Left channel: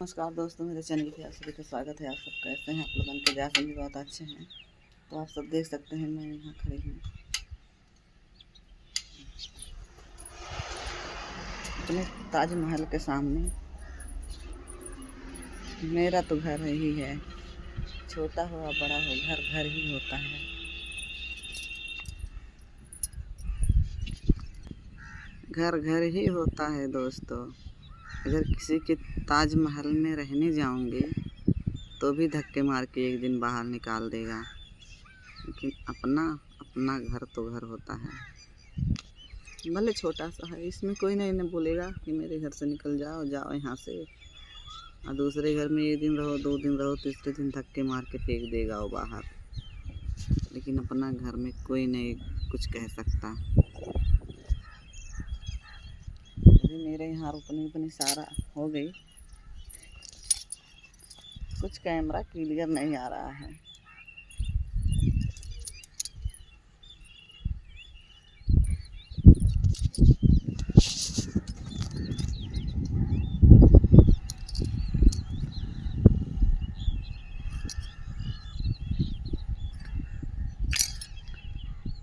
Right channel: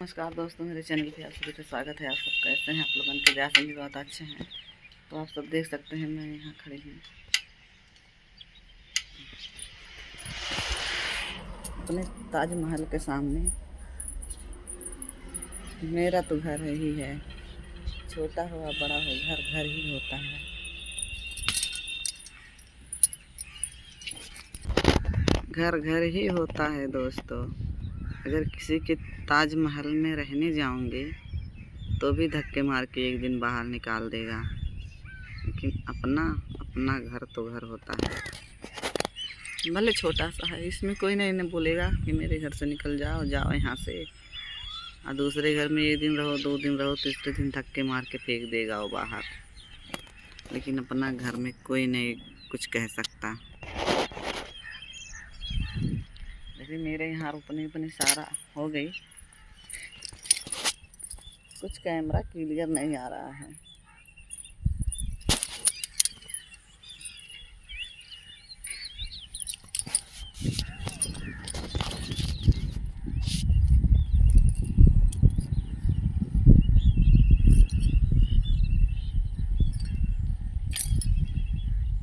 नमस्कार दोस्तों, मेरे चैनल पे आप सभी का स्वागत है। आप सब कैसे हैं? आप लोगों के जैसे भी बहुत अच्छे हैं। तो आप सब देख सकते हैं मैं यहाँ खड़ी हूँ अपने ताजमहल के सामने। मेरा तो घर ही है, छोटा हो या बड़ा हो, घर घर ही होता है। घर घर ही होता है दोस्तों। अगर किसी के ताजमहल में रहने जाऊंगी तो भी धक्के मार के एक दिन बाहर निकाल देगा, लेकिन अपना अपना घर तो घर होता है। भले छोटा सा है, इसमें कोई नहीं बोलेगा कि मेरे घर से निकल जाओ, जाओ यहाँ से। और दूसरे घर में एक दिन रहो, 2 दिन रहो, तीसरे दिन धक्के मार के फेंक देगा वो बाहर। लेकिन अपना घर में कोई नहीं कुछ कह सकता। लेकिन मेरे यहाँ रोपनी उपनी सारा हो गई, कुछ कैमरा क्लियर नहीं आ रहा है।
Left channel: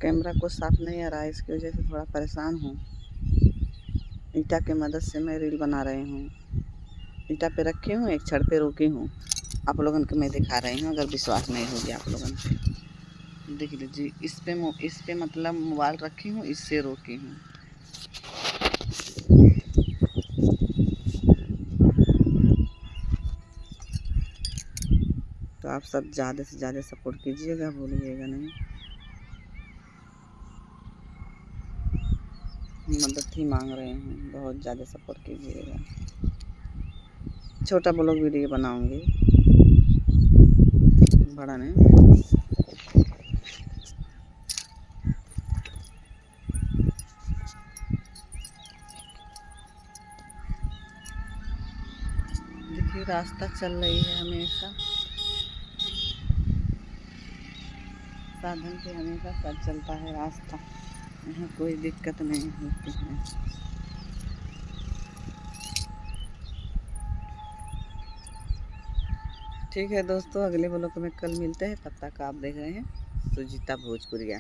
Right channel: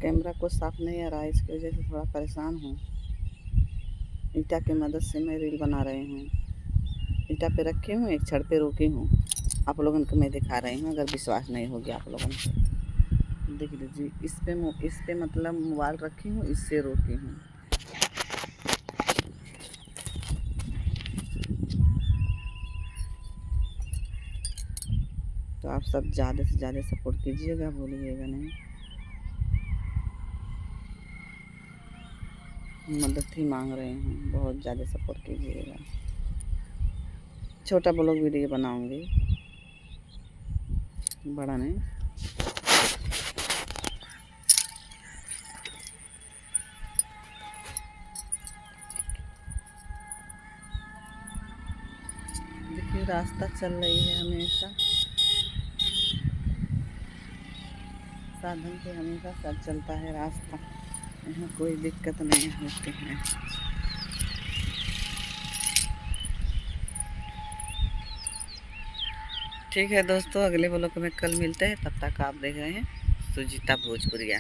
कैमरा को साफ नहीं आ रहा है, इसकी वजह से थोड़ा परेशान हूँ। ईंटा की मदद से मैं रील बना रही हूँ। ईंटा पे रखी हूँ, एक छड़ पे रोकी हूँ। आप लोगों को मैं दिखा रही हूँ, अगर विश्वास नहीं हो गया आप लोगों को देख लीजिए। इस पे मतलब मोबाइल रखी हूँ, इससे रोकी हूँ। तो आप सब ज़्यादा से ज़्यादा सपोर्ट कीजिएगा, भूलिएगा नहीं। मदद ही मांग रहे हैं, बहुत ज़्यादा सपोर्ट कीजिएगा। छोटा ब्लॉग वीडियो बनाऊंगी, बड़ा नहीं। देखिए रास्ता चल रही है हमेशा, साधन पे हमेशा साथ चलता है रास्ता। यहाँ कोई दिक्कत नहीं होती है। ठीक है दोस्तों, अगले ब्लॉग में कल मिलते हैं। तब तक आप देख रहे हैं सुजीता भोजपुरिया।